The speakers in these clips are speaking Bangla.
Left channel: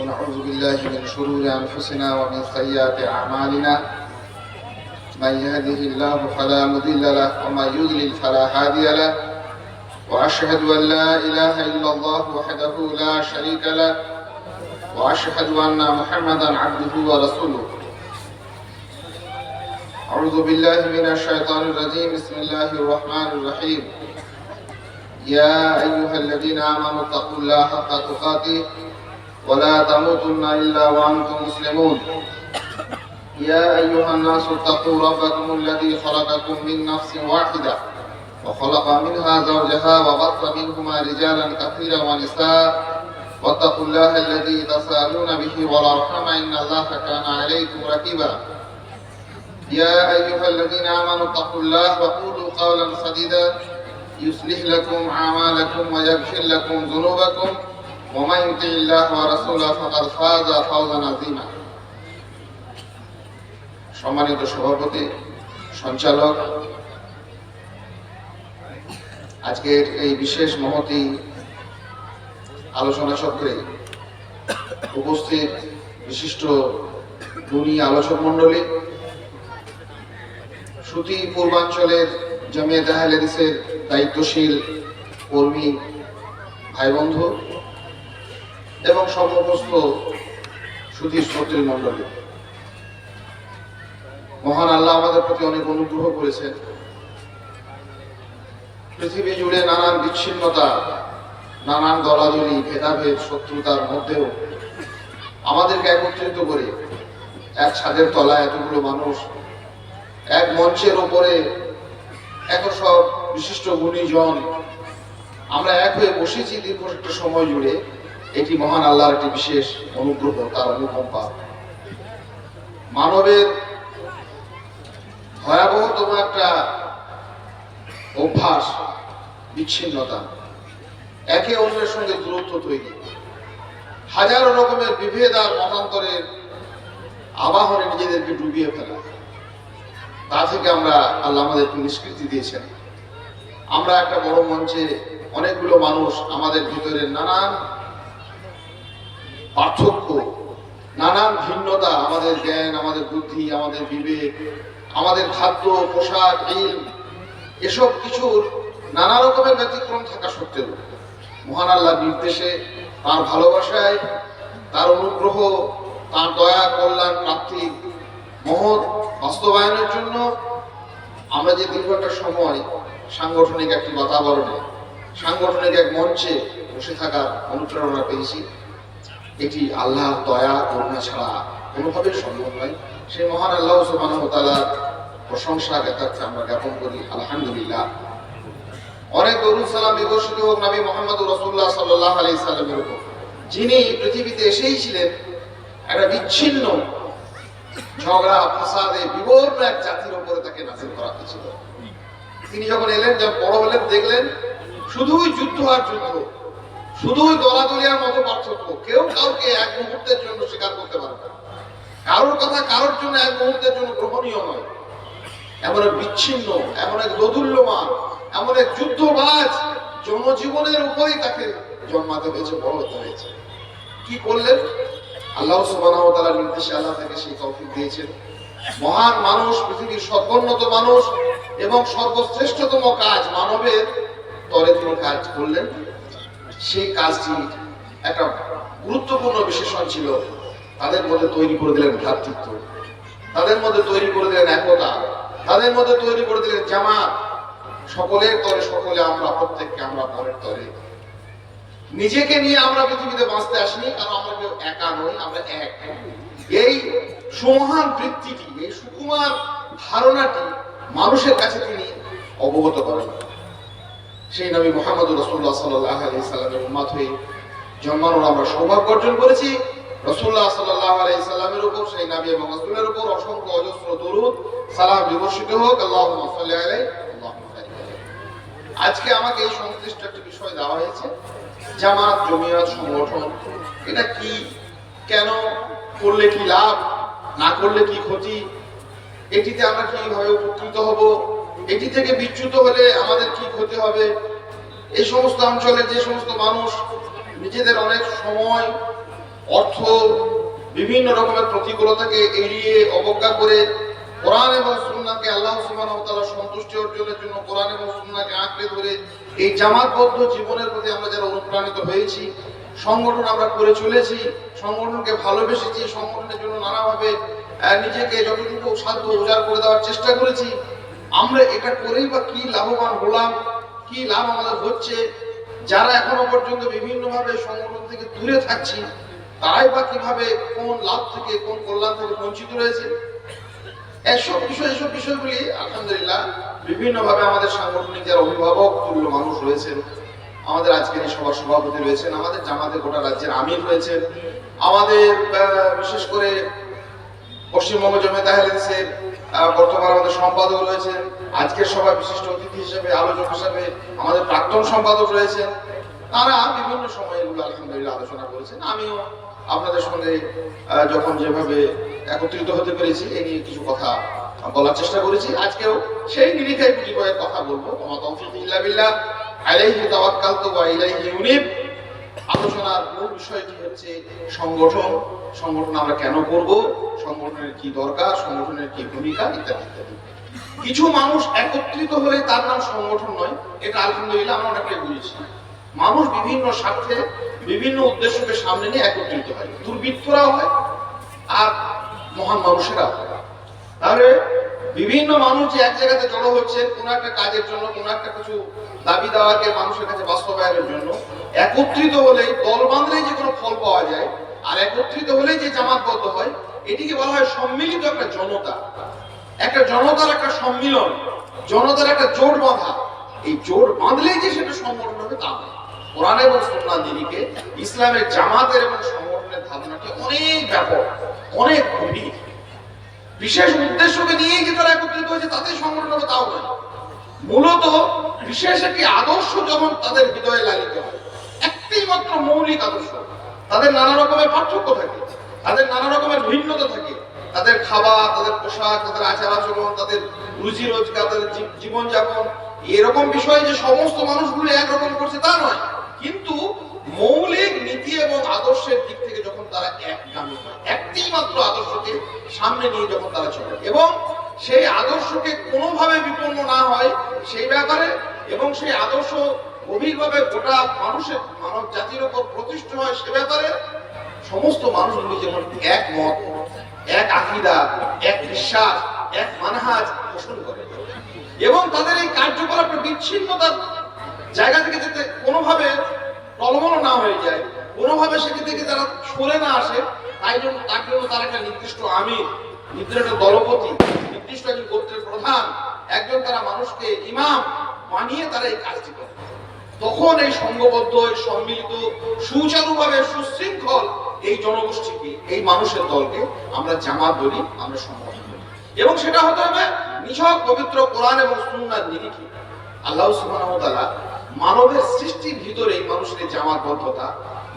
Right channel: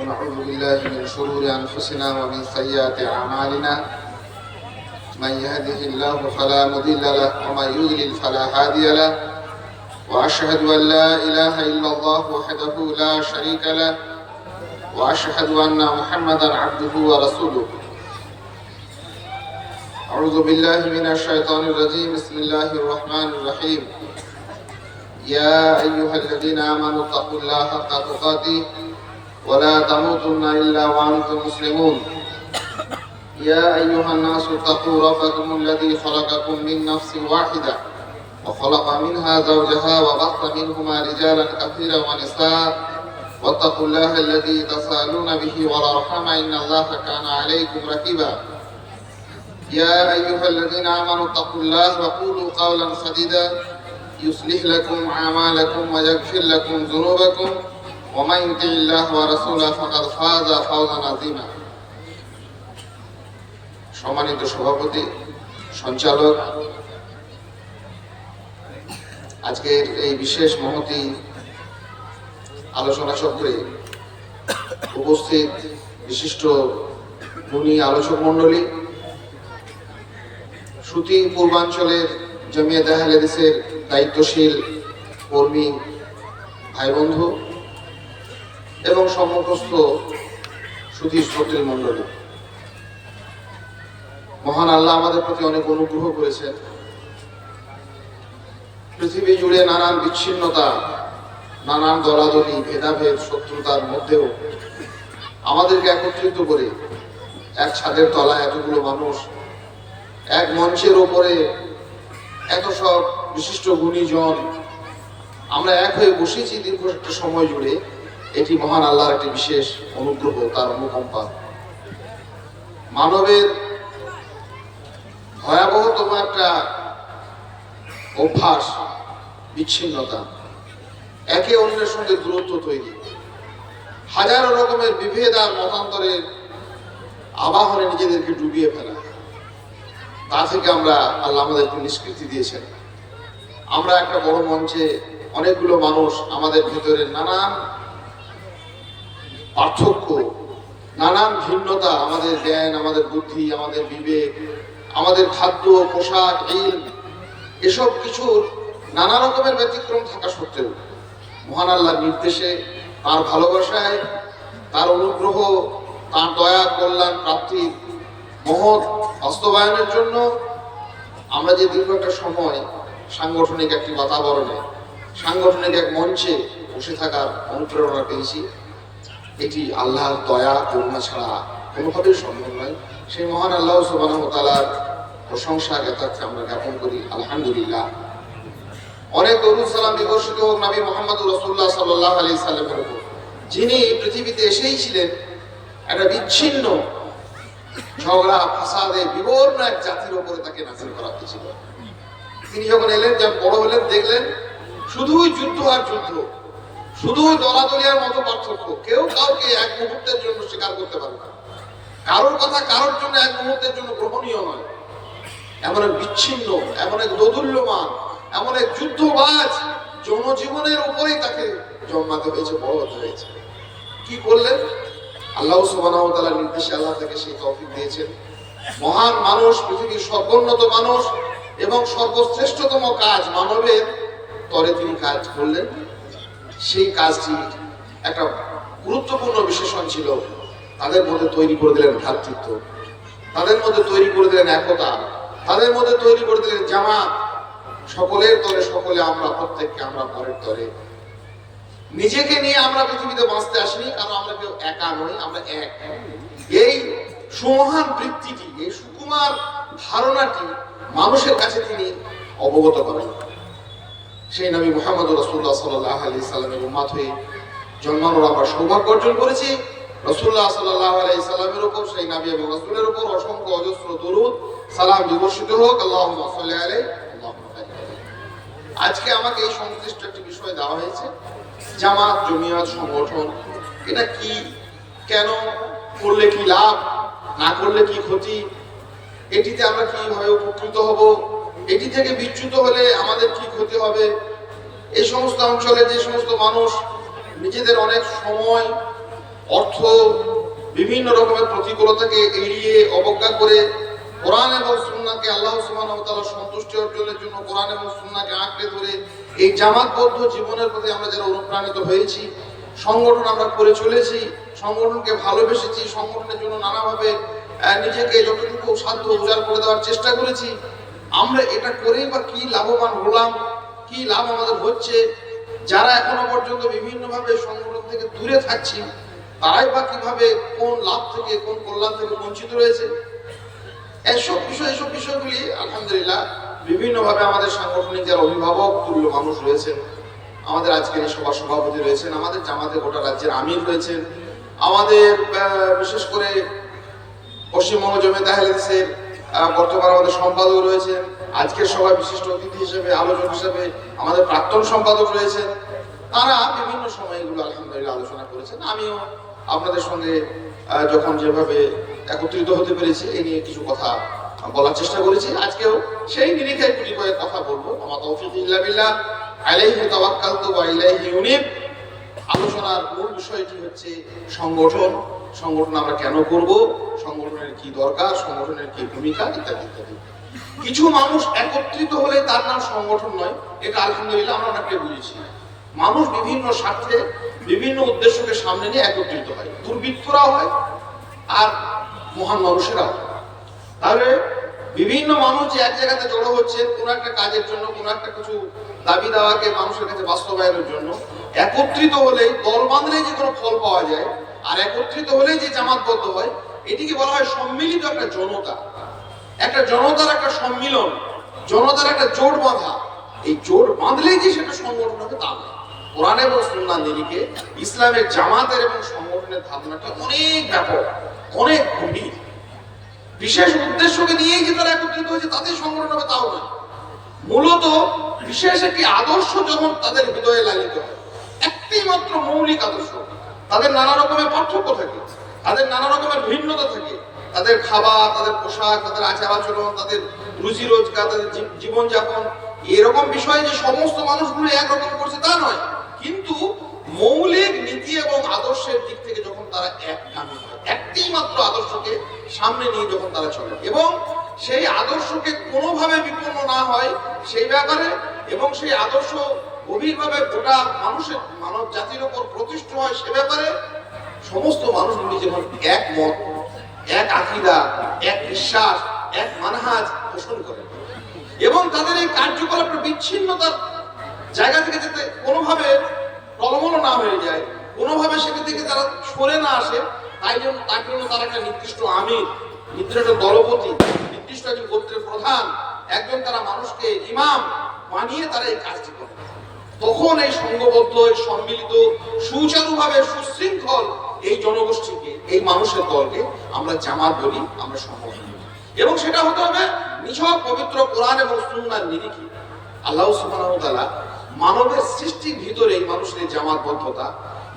ونعوذ بالله من شرور أنفسنا ومن سيئات أعمالنا. من يهده الله فلا مضل له ومن يضلل فلا هادي له. وأشهد أن لا إله إلا الله وحده لا شريك له. وأشهد أن محمدا عبده ورسوله. أعوذ بالله من الشيطان الرجيم. بسم الله الرحمن الرحيم. يا أيها الذين آمنوا اتقوا الله حق تقاته. ولا تموتن إلا وأنتم مسلمون. يا أيها الناس اتقوا ربكم الذي خلقكم من نفس واحدة وخلق منها زوجها وبث منهما رجالا كثيرا ونساء. واتقوا الله الذي تساءلون به والأرحام إن الله كان عليكم رقيبا. يا أيها الذين آمنوا اتقوا الله وقولوا قولا سديدا. يصلح لكم أعمالكم ويغفر لكم ذنوبكم. ومن يطع الله ورسوله فقد فاز فوزا عظيما সম্মানিত সভাপতি সঞ্চালক আজকের এই বিশেষ মহতি আলোচনা চক্রে উপস্থিত বিশিষ্ট গুণী আলোচক মণ্ডলী শ্রুতি পূর্বাঞ্চলের জমিয়ত আহলেদিসের দায়িত্বশীল কর্মী ভাই বন্ধু এবং সম্মুখস্থ সুধীর শ্রোত্রী মণ্ডলী। মহান আল্লাহ আমাদের প্রতি অনেক অনুগ্রহ করেছেন। পৃথিবী জুড়ে নানান বিচ্ছিন্নতা, নানান দলাদলি ভেদাভেদ, শত্রুতার মধ্যেও আমাদেরকে একত্রিত করে এক ছাদের তলায় এতগুলো মানুষ, এক মঞ্চের ওপরে এত সব বিশিষ্ট গুণীজন, আমরা এক হয়ে বসেছি দীর্ঘ একটা সময় জুড়ে। এটি মহান আল্লাহর একটি বিশেষ অনুগ্রহ, তার অনুকম্পা। মানবের ভয়াবহতম একটা অভ্যাস, বিচ্ছিন্নতা। একে অন্যের সঙ্গে দূরত্ব তৈরি। হাজারো রকমের বিভেদ আর মতান্তরের আবাহনে নিজেদেরকে ডুবিয়ে ফেলা। তা থেকে আমরা আল্লাহ আমাদেরকে নিষ্কৃতি দিয়েছেন। আমরা একটা বড় মঞ্চে অনেকগুলো মানুষ আমাদের ভিতরে নানান পার্থক্য, নানান ভিন্নতা, আমাদের জ্ঞান, আমাদের বুদ্ধি, আমাদের বিবেক, আমাদের খাদ্য, পোশাক ইল এসব কিছুর নানা রকমের ব্যতিক্রম থাকা সত্ত্বেও মহান আল্লাহর নির্দেশে, তার ভালোবাসায়, তার অনুগ্রহ, তার দয়া, কল্যাণ, প্রাপ্তি, মহৎ বাস্তবায়নের জন্য আমরা যে দীর্ঘ একটা সময় সাংগঠনিক একটি বাতাবরণে, সাংগঠনিক এক মঞ্চে বসে থাকার অনুপ্রেরণা পেয়েছি। এটি আল্লাহর দয়া, করুণা ছাড়া কোনোভাবেই সম্ভব নয়। সেই মহান আল্লাহ সুবাহ তালার প্রশংসা জ্ঞাতার্থে আমরা জ্ঞাপন করি, আলহামদুলিল্লাহ। অনেক দরুদ সালাম বিবর্ষিত হোক নবী মোহাম্মদ রসুল্লাহ সাল্লাহ আলি সাল্লামের উপর। যিনি পৃথিবীতে এসেই ছিলেন, একটা বিচ্ছিন্ন ঝগড়া, ফাসাদে বিবর্ণ এক জাতির উপরে তাকে নাজিল করা হয়েছিল। তিনি যখন এলেন, যখন বড় হলেন, দেখলেন, শুধুই যুদ্ধ আর যুদ্ধ। শুধুই দলাদলিয়ার মতো পার্থক্য। কেউ কাউকে এক মুহূর্তের জন্য স্বীকার করতে পারে না। কারোর কথা কারোর জন্য এক মুহূর্তের জন্য গ্রহণীয় নয়। এমন এক বিচ্ছিন্ন, এমন এক দোদুল্যমান, এমন এক যুদ্ধবাজ জনজীবনের উপরেই তাকে জন্মাতে হয়েছে বড় হতে হয়েছে। কি করলেন? আল্লাহ সুবাহ তালার নির্দেশে আল্লাহ তাকে সেই তৌফিক দিয়েছেন। মহান মানুষ, পৃথিবীর সর্বোন্নত মানুষ এবং সর্বশ্রেষ্ঠতম কাজ মানবের তরে তিনি কাজ করলেন। সেই কাজটি একটা গুরুত্বপূর্ণ বিশেষণ ছিল। তাদের মধ্যে তৈরি করে দিলেন ভ্রাতৃত্ব। তাদের মধ্যে তৈরি করে দিলেন একতা। তাদের মধ্যে তৈরি করে দিলেন জামাত। সকলের তরে সকলে আমরা, প্রত্যেককে আমরা পরের তরে। নিজেকে নিয়ে আমরা পৃথিবীতে বাঁচতে আসিনি, কারণ আমরা কেউ একা নই, আমরা এক। এই সুমহান বৃত্তিটি, এই সুকুমার ধারণাটি মানুষের কাছে তিনি অবগত করেন। সেই নবী মোহাম্মদ রসুল্লাহ সাল্লাহ আলি সাল্লামের উম্মাত হয়ে জন্মানোর আমরা সৌভাগ্য অর্জন করেছি। রসুল্লাহ সাল্লাহ আলাই সাল্লামের উপর, সেই নবী এবং রসুলের উপর অসংখ্য অজস্র দরুদ, সালাম বিবর্ষিত হোক। আল্লাহ আলাই আজকে আমাকে এই সংশ্লিষ্ট একটি বিষয় দেওয়া হয়েছে, জামাত, জমিয়ত, সংগঠন, এটা কি, কেন, করলে কি লাভ, না করলে কি ক্ষতি, এটিতে আমরা কীভাবে উপকৃত হব? এটি থেকে বিচ্যুত হলে আমাদের কি ক্ষতি হবে। এই সমস্ত অঞ্চলে যে সমস্ত মানুষ, নিজেদের অনেক সময়, অর্থ, বিভিন্ন রকমের প্রতিকূলতাকে এড়িয়ে অবজ্ঞা করে কোরআন এবং সুন্নাকে আল্লাহ ওয়া সন্তুষ্টি অর্জনের জন্য কোরআন এবং সুন্নাকে আঁকড়ে ধরে এই জামাতবদ্ধ জীবনের প্রতি আমরা যারা অনুপ্রাণিত হয়েছি, সংগঠন আমরা করে চলেছি, সংগঠনকে ভালোবেসেছি, সংগঠনের জন্য নানাভাবে নিজেকে যতটুকু সাধ্য উজাড় করে দেওয়ার চেষ্টা করেছি আমরা এটা করেই বা কি লাভবান হলাম, কি লাভ আমাদের হচ্ছে? যারা এখনও পর্যন্ত বিভিন্নভাবে সংগঠন থেকে দূরে থাকছি, তারাই বা কীভাবে কোন লাভ থেকে, কোন কল্যাণ থেকে বঞ্চিত রয়েছে? এসব বিষয়, এসব বিষয়গুলি, আলহামদুলিল্লাহ, বিভিন্নভাবে আমাদের সাংগঠনিক যারা অভিভাবক, তুল্য মানুষ রয়েছেন, আমাদের আজকের এই সভা সভাপতি রয়েছেন, আমাদের জামাতে গোটা রাজ্যের আমির রয়েছেন, আমাদের বিশেষ করে পশ্চিমবঙ্গ জমিয়ত আহলেদিসের বর্তমান আমাদের সম্পাদক রয়েছেন আজকের সভায় বিশিষ্ট অতিথি হিসেবে, আলোচক হিসেবে আমাদের প্রাক্তন সম্পাদক রয়েছেন। তারা বিভিন্ন সময় এগুলো আলহামদুলিল্লাহ আলোচনা করেছেন। আমিও আপনাদের সঙ্গে যখন যেভাবে একত্রিত হতে পেরেছি এই নিয়ে কিছু কথা বলার চেষ্টা করেছি। আজকেও সেই নিরিখে গুলি কয়েক কথা বলব। আমা তৌফিক ইল্লা বিল্লাহ। আলাইহি তাওয়াক্কালতু ওয়া ইলাইহি উনীব আলোচনার মূল বিষয়টি হচ্ছে সংগঠন। সংগঠন আমরা কেন করব? সংগঠনের কি দরকার? সংগঠনের কি ভূমিকা? ইত্যাদি ইত্যাদি। কিছু মানুষ একত্রিত হলে তার নাম সংগঠন নয়। এটা আলহামদুলিল্লাহ আমরা অনেকটাই বুঝেছি। মানুষ বিভিন্ন স্বার্থে, বিভিন্ন উদ্দেশ্যকে সামনে নিয়ে একত্রিত হয়। দুর্বৃত্তরাও হয় আর মহান মানুষেরাও হয়। তাহলে বিভিন্ন মানুষ যে এক জায়গাতে জড়ো হচ্ছে, কোনো একটা কাজের জন্য, কোনো একটা কিছু দাবি দাওয়াকে মানুষের কাছে বাস্তবায়নের জন্য একত্রিত হলেই দল বাঁধলেই যে কোনো ফল পাওয়া যায়, আর একত্রিত হলেই যে জামাতবদ্ধ হয়, এটিকে বলা হয় সম্মিলিত একটা জনতা। একটা জনতার একটা সম্মিলন, জনতার একটা জোট বাঁধা। এই জোট বাঁধলেই যে সেটা সংগঠন হবে তা নয়। কোরআন এবং সুন্নাহ দিনীকে ইসলামের জামাতের এবং সংগঠনের ধারণাটা অনেক ব্যাপক, অনেক গভীর। বিশেষ উদ্দেশ্যকে নিয়েই যে তারা একত্রিত হয়েছে, তাতেই সংগঠন হবে, তাও নয়। মূলত বিশেষ একটি আদর্শ যখন তাদের হৃদয়ে লালিত হয় একটি মাত্র মৌলিক আদর্শ। তাদের নানা রকমের পার্থক্য থাকে, তাদের নানা রকমের ভিন্নতা থাকে। তাদের খাবার, তাদের পোশাক, তাদের আচার আচরণ তাদের রুজি রোজগার তাদের জীবনযাপন, এরকম বিষয় যে সমস্ত মানুষগুলো একরকম করছে তা নয়। কিন্তু মৌলিক নীতি এবং আদর্শের দিক থেকে যখন তারা একগামী হয় একটি মাত্র আদর্শকে সামনে নিয়ে যখন তারা চলে, এবং সেই আদর্শকে কোনোভাবে বিপন্ন না হয়, সেই ব্যাপারে এবং সেই আদর্শ গভীরভাবে গোটা মানুষের, মানব জাতির উপর প্রতিষ্ঠিত হয় সে ব্যাপারে সমস্ত মানুষগুলি যেমন এক মত এক আকিদা, এক বিশ্বাস, এক মানহাজ পোষণ করে। এবং তাদের এই কার্যকলাপের বিচ্ছিন্নতার জায়গা থেকে যাতে কোনোভাবে টলমল না হয়ে যায়, কোনোভাবে সেটি থেকে তারা সরে না আসে, তাই জন্য তার জন্য তার একটা নির্দিষ্ট আমির, নির্দিষ্ট দলপতি, নির্দিষ্ট একজন গোত্রের প্রধান, একজন তারা মানুষকে ইমাম বানিয়ে তারা এই কাজটি করে। তখন এই সংঘবদ্ধ সম্মিলিত, সুচারুভাবে, সুশৃঙ্খল এই জনগোষ্ঠীকে, এই মানুষের দলকে আমরা জামাত বলি, আমরা বলি। এবং সেটা হতে হবে নিছক পবিত্র কোরআন এবং সুন্নার নিরিখে। আল্লাহ তাআলা মানবের সৃষ্টির ভিতরে এই মানুষের জামাতবদ্ধতা,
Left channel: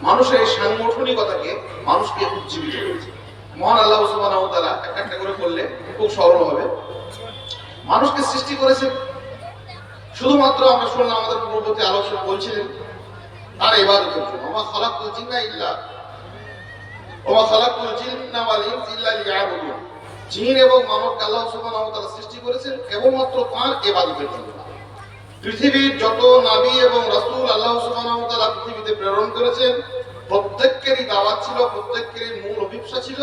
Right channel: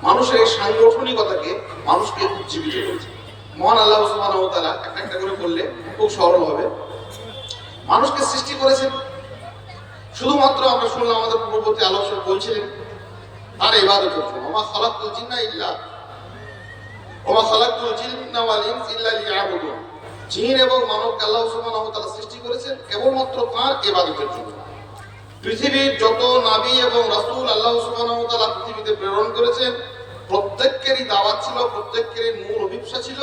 মানুষের এই সাংগঠনিকতাকে মানুষকে উজ্জীবিত করেছে। মহান আল্লাহ ওয়া একটা একটা করে করলে খুব সরল হবে। মানুষকে সৃষ্টি করেছেন শুধুমাত্র আমরা শুনলাম আমাদের পূর্ববর্তী আলোচক বলছিলেন তার ইবাদতের জন্য ওমা খালাকুল জিন্না ইল্লা, ওমা খালাকুল জিন্না ওয়াল ইনস ইল্লা লিয়াবুদুন। জিন এবং মানবকে আল্লাহ সুবহানাহু ওয়া তাআলা সৃষ্টি করেছেন কেবলমাত্র তার ইবাদতের জন্য। পৃথিবীর যত নাবী এবং রাসূল আল্লাহ সুবহানাহু ওয়া তাআলা পৃথিবীতে প্রেরণ করেছেন, প্রত্যেকেরই দাওয়াত ছিল, প্রত্যেকেরই মূল অভিপ্সা ছিল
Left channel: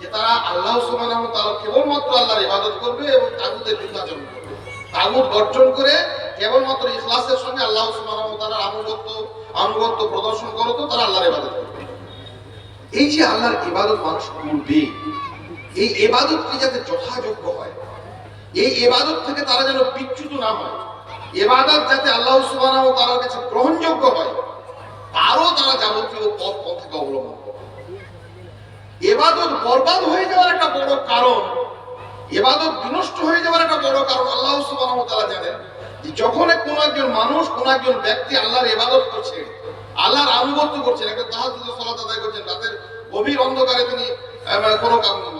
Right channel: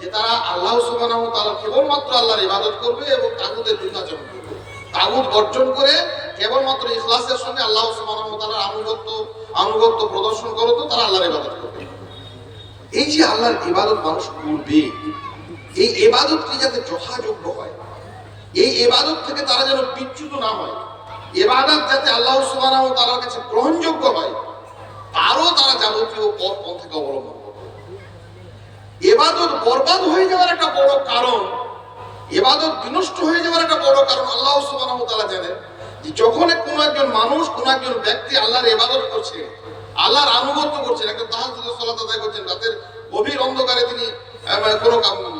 যে তারা আল্লাহ সুবহানাহু ওয়া তাআলা কেবলমাত্র আল্লাহর ইবাদত করবে এবং তাগুতের বিভাজন করবে। তাগুত বর্জন করে কেবলমাত্র ইখলাসের সঙ্গে আল্লাহ ওয়া তাআলার আনুগত্য আনুগত্য প্রদর্শন করো করতো তারা আল্লাহর ইবাদত করবে। এই যে আল্লাহর ইবাদত মানুষ করবে, এই ইবাদতটি যাতে যথাযোগ্য হয়, এই ইবাদত থেকে তারা যেন বিচ্যুত না হয় এবাদত যাতে আল্লাহ সুবহানাহু ওয়া তাআলার কাছে গ্রহণযোগ্য হয়, তারও তারা যাবতীয় পথ পন্থাকে অবলম্বন করবে। এবাদত বরবাদ হয়ে যাওয়ার একটা বড় কারণ এবাদত বিনষ্ট হয়ে যাওয়ার একটা বড় কারণ আল্লাহ ওয়া তাআলা জানেন। যখন কোনো একজন মানুষ, কোন একজন ব্যক্তি আল্লাহর ইবাদত করছে, আল্লাহর আনুগত্য করছেন একটা তাহাজ্জুদের সালাত আদায় করছেন, রাতের গভীর অন্ধকারে তিনি কোনো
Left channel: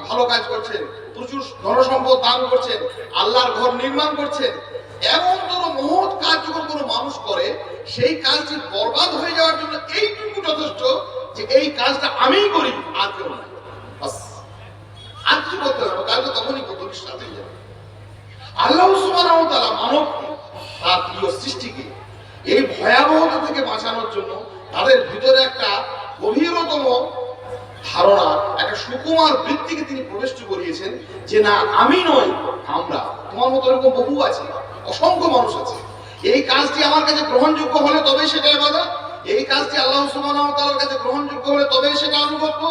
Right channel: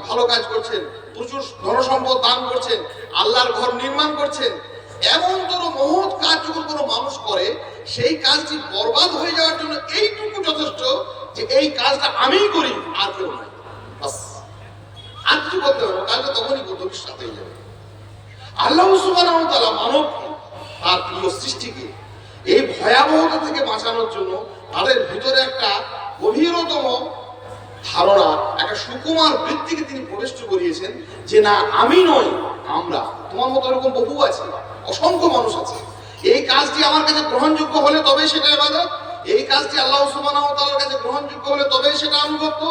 ভালো কাজ করছেন, প্রচুর ধনসম্পদ দান করছেন, আল্লাহর ঘর নির্মাণ করছেন, এমন কোনো মহৎ কাজ যখন কোনো মানুষ করে, সেই কাজটি বরবাদ হয়ে যাওয়ার জন্য এইটুকু যথেষ্ট যে এই কাজটা আমিই করি, আর কেউ নাই। আর কিছু করতে হবে? কাজটা তখনই করতে সাথে যাবে। আল্লাহ তাআলা মানবকে তার প্রিয় সৃষ্টিকে। এই ভয়াবহতা থেকে বাঁচানোর জন্য তাদের ভিতরে একটা গভীরতম ধারণা, একটা সুকুমার বৃত্তিকে তিনি প্রবেশ করিয়েছেন যে, না, আমি নই, আমরা। তোমার মতো এরকম বহু আছে, অসংখ্য মানুষ আছে। এই কাজটি আমার কাছে গ্রহণযোগ্য হলে তবেই সেটা ইবাদত। এই কাজটি আল্লাহ তাআলার কাছে গ্রহণযোগ্য হলে তবেই সেটা আনুগত্য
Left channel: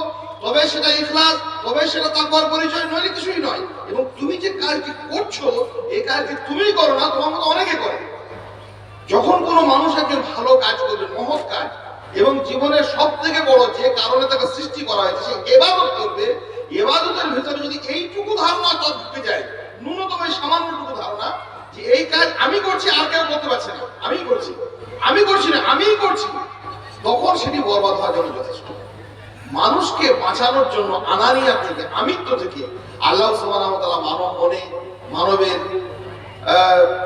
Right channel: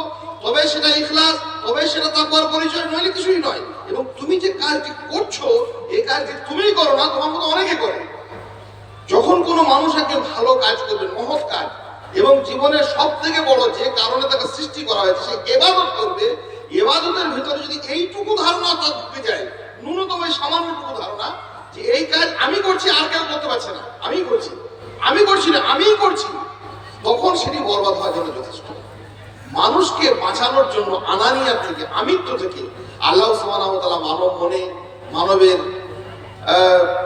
তবে সেটা ইখলাস তবে সেটা তাকওয়ার পরিচয়, নইলে কিছুই নয়। এবং তুমি যে কাজটি করছ, এই কাজটি তুমিই করো না, তোমার মতো অনেকে করে একজন ভালো কাজ করবে, মহৎ কাজ। এবং জীবনের সব থেকে বড় যে কারণে তাকে সৃষ্টি করা হয়েছে, সে এবাদত করবে। এবাদতের ভিতরে যদি এইটুকু ধারণা তার ঢুকে যায়, ন্যূনতম এই সামান্যটুকু ধারণা, যে এই কাজ আমি করছি, আর কেউ করতে পারছে না। আমি করছি। আমি করছি না, আমিই করছি। তখন সেটি বরবাদ হওয়ার জন্য যথেষ্ট। মানুষকে বাঁচানোর জন্য আনানিয়া থেকে, আমিত্ব থেকে আল্লাহ তাআলা মানব মনে, মানবের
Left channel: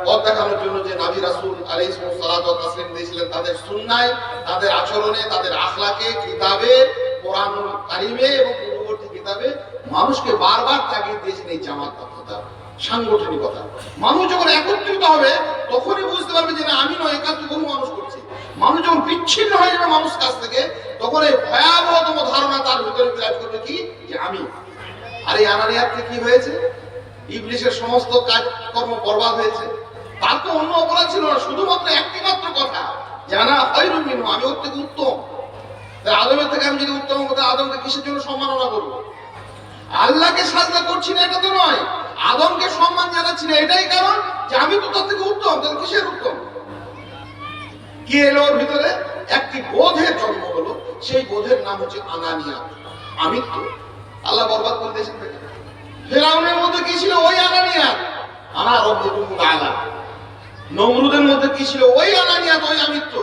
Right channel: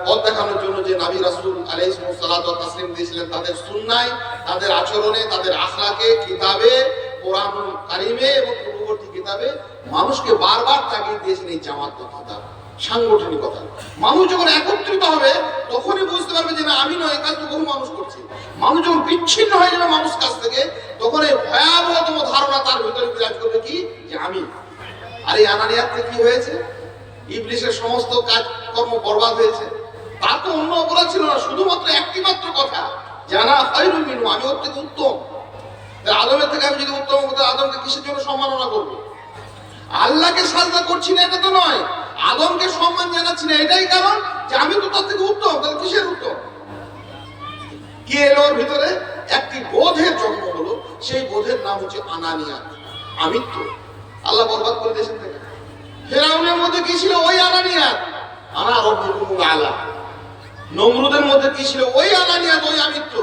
পথ দেখানোর জন্য যে নাবি রাসূল আলাইহিস সালাতু তাসলিম দিয়েছিলেন তাদের সুন্নায়, তাদের আচরণে, তাদের আখলাকে, কিতাবে কোরআন কারিমে এবং পূর্ববর্তী কিতাবে মানুষকে বারবার তাগিদ দিয়েছেন এই জামাত কথা। সাংগঠনিকতা মানুষ যখন একত্রিত হবে, তখনই বুঝতে পারবে যে না, আমি নয় একাজ তো বহু মানুষ করছি। মানুষ যখন বিচ্ছিন্ন হয়ে যাবে মানুষ কাছ থেকে, তখন এই ভয়াবহতম ধারণা তার ভিতরে বিরাজ করবে কি? যে আমি। আর এই আনানিয়াতে কি হয়েছে? ইবলিশের সমস্ত কাজকর্ম বরবাদ হয়েছে। তার তো অন্য অপরাধ ছিল না, শুধুমাত্র একটি মাত্র কথা জানা খৈরু মিনু আমি ওর থেকে উত্তম। আদমের থেকে আমি যদি উত্তম হতে আদমকে কিসের জন্য সম্মাননা করব? আল্লাহকে সাজদা করছি না, এটা তো নয়। আদমকে সম্মান জানাচ্ছি না, এটাই কারণ যে আমি তো তার থেকে উত্তম, তাহলে কিসের উত্তম? কি এলো ওর ভিতরে? একটি বোধের জন্ম হলো, সেই বোধের নাম হচ্ছে আনানিয়া। আমিত্ব। আল্লাহ বরবাদ করে দিয়েছেন তাকে। ফেরাউনের মধ্যে কি ছিল? ওই আনানিয়া। আনা রব্বুকুম আলা। নমরুদের মধ্যে কি ছিল? ওই আনানিয়াত ওই আমিত্ব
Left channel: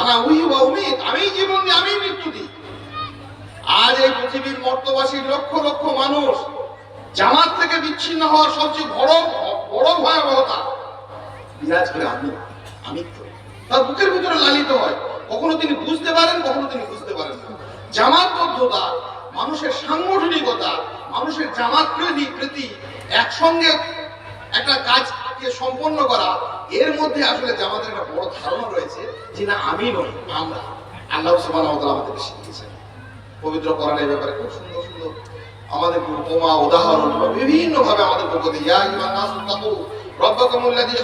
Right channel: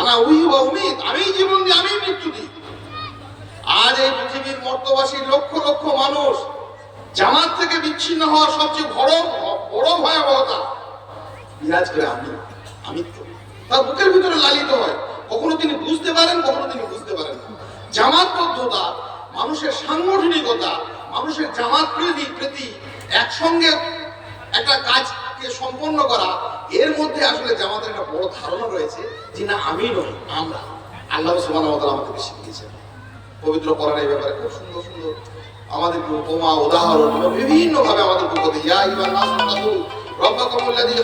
আনা উহি ওয়া উমিদ আমি জীবন দিই আমি মৃত্যু দিই। আজ এই পৃথিবীর মর্তবাসী লক্ষ লক্ষ মানুষ জামাত থেকে বিচ্ছিন্ন হওয়ার সবচেয়ে বড় বড় ভয়াবহতা। বিরাজ করে আমি আমিত্ব তার বুকের ভিতরে লালিত হয়। কখনো তিনি বুঝতে পারেন, কখনো তিনি বুঝতে পারেন না। জামাতবদ্ধতা মানুষের সাংগঠনিকতা, মানুষের জামাত প্রীতি প্রীতি একসঙ্গে একটা কাজকে সম্পন্ন করা, এর মধ্যে আসলে জামাতের একটা বড় ধারণা রয়েছে যে না, আমি নই, আমরা। আল্লাহ আমাদেরকে শিখিয়েছেন। পবিত্র কোরআনের ব্যাপারে খুব সুন্দর সুন্দর আমাদের উপমা, উদাহরণ বিভিন্ন ভাবে আমাদের পক্ষ ইয়া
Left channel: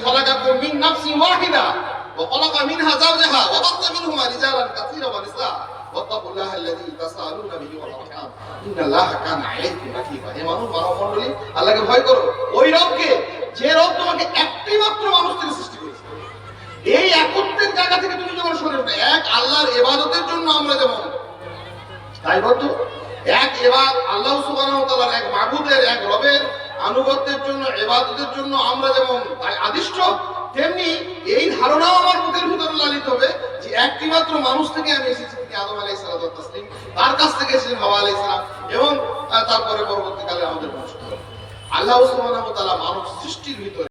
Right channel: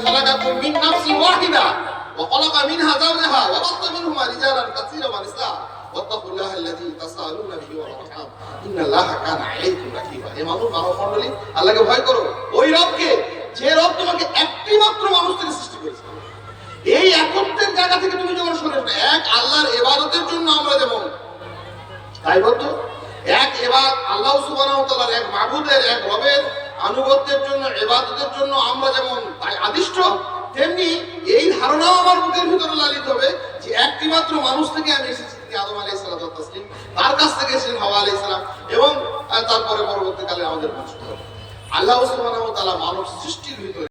খালাকাকুম মিন নাফসিন ওয়াহিদা, ওয়া খালাকা মিনহা ওয়া মিনহুমা রিজালান কাসীরান ওয়া নিসা واتقوا الله الذي تساءلون به والارحام ان الله كان عليكم رقيبا হে মানুষ মানব মণ্ডলী আল্লাহকে ভয় করো ওই রবকে যে রব তোমাকে একটি মাত্র মানুষ থেকে সৃষ্টি করেছে এই একত্বের জায়গা থেকে তুমি যখন সরে আসবে এক আল্লাহর ইবাদতের জন্য আমরা যেমন দায়বদ্ধ এক এবার আল্লাহ সুবহানাহু ওয়া তাআলার এক মাবুদের এক রবের আনুগত্যের জন্য ইবাদতের জন্য আমরা যেমন তাই আদিষ্ট তেমনি এই ধারণাও আমার বুকের ভিতরে লালিত হবে যে একটি মাত্র মানুষ থেকে আমি এসেছি তিনি আদম আলাই সালাম তার কাছ থেকে এসেছেন হাওয়া আলাই সালাম এবং তারপরে পরবর্তীকালে আমাদের বংশ আল্লাহ ওসমান মানব সৃষ্টির ভিতরে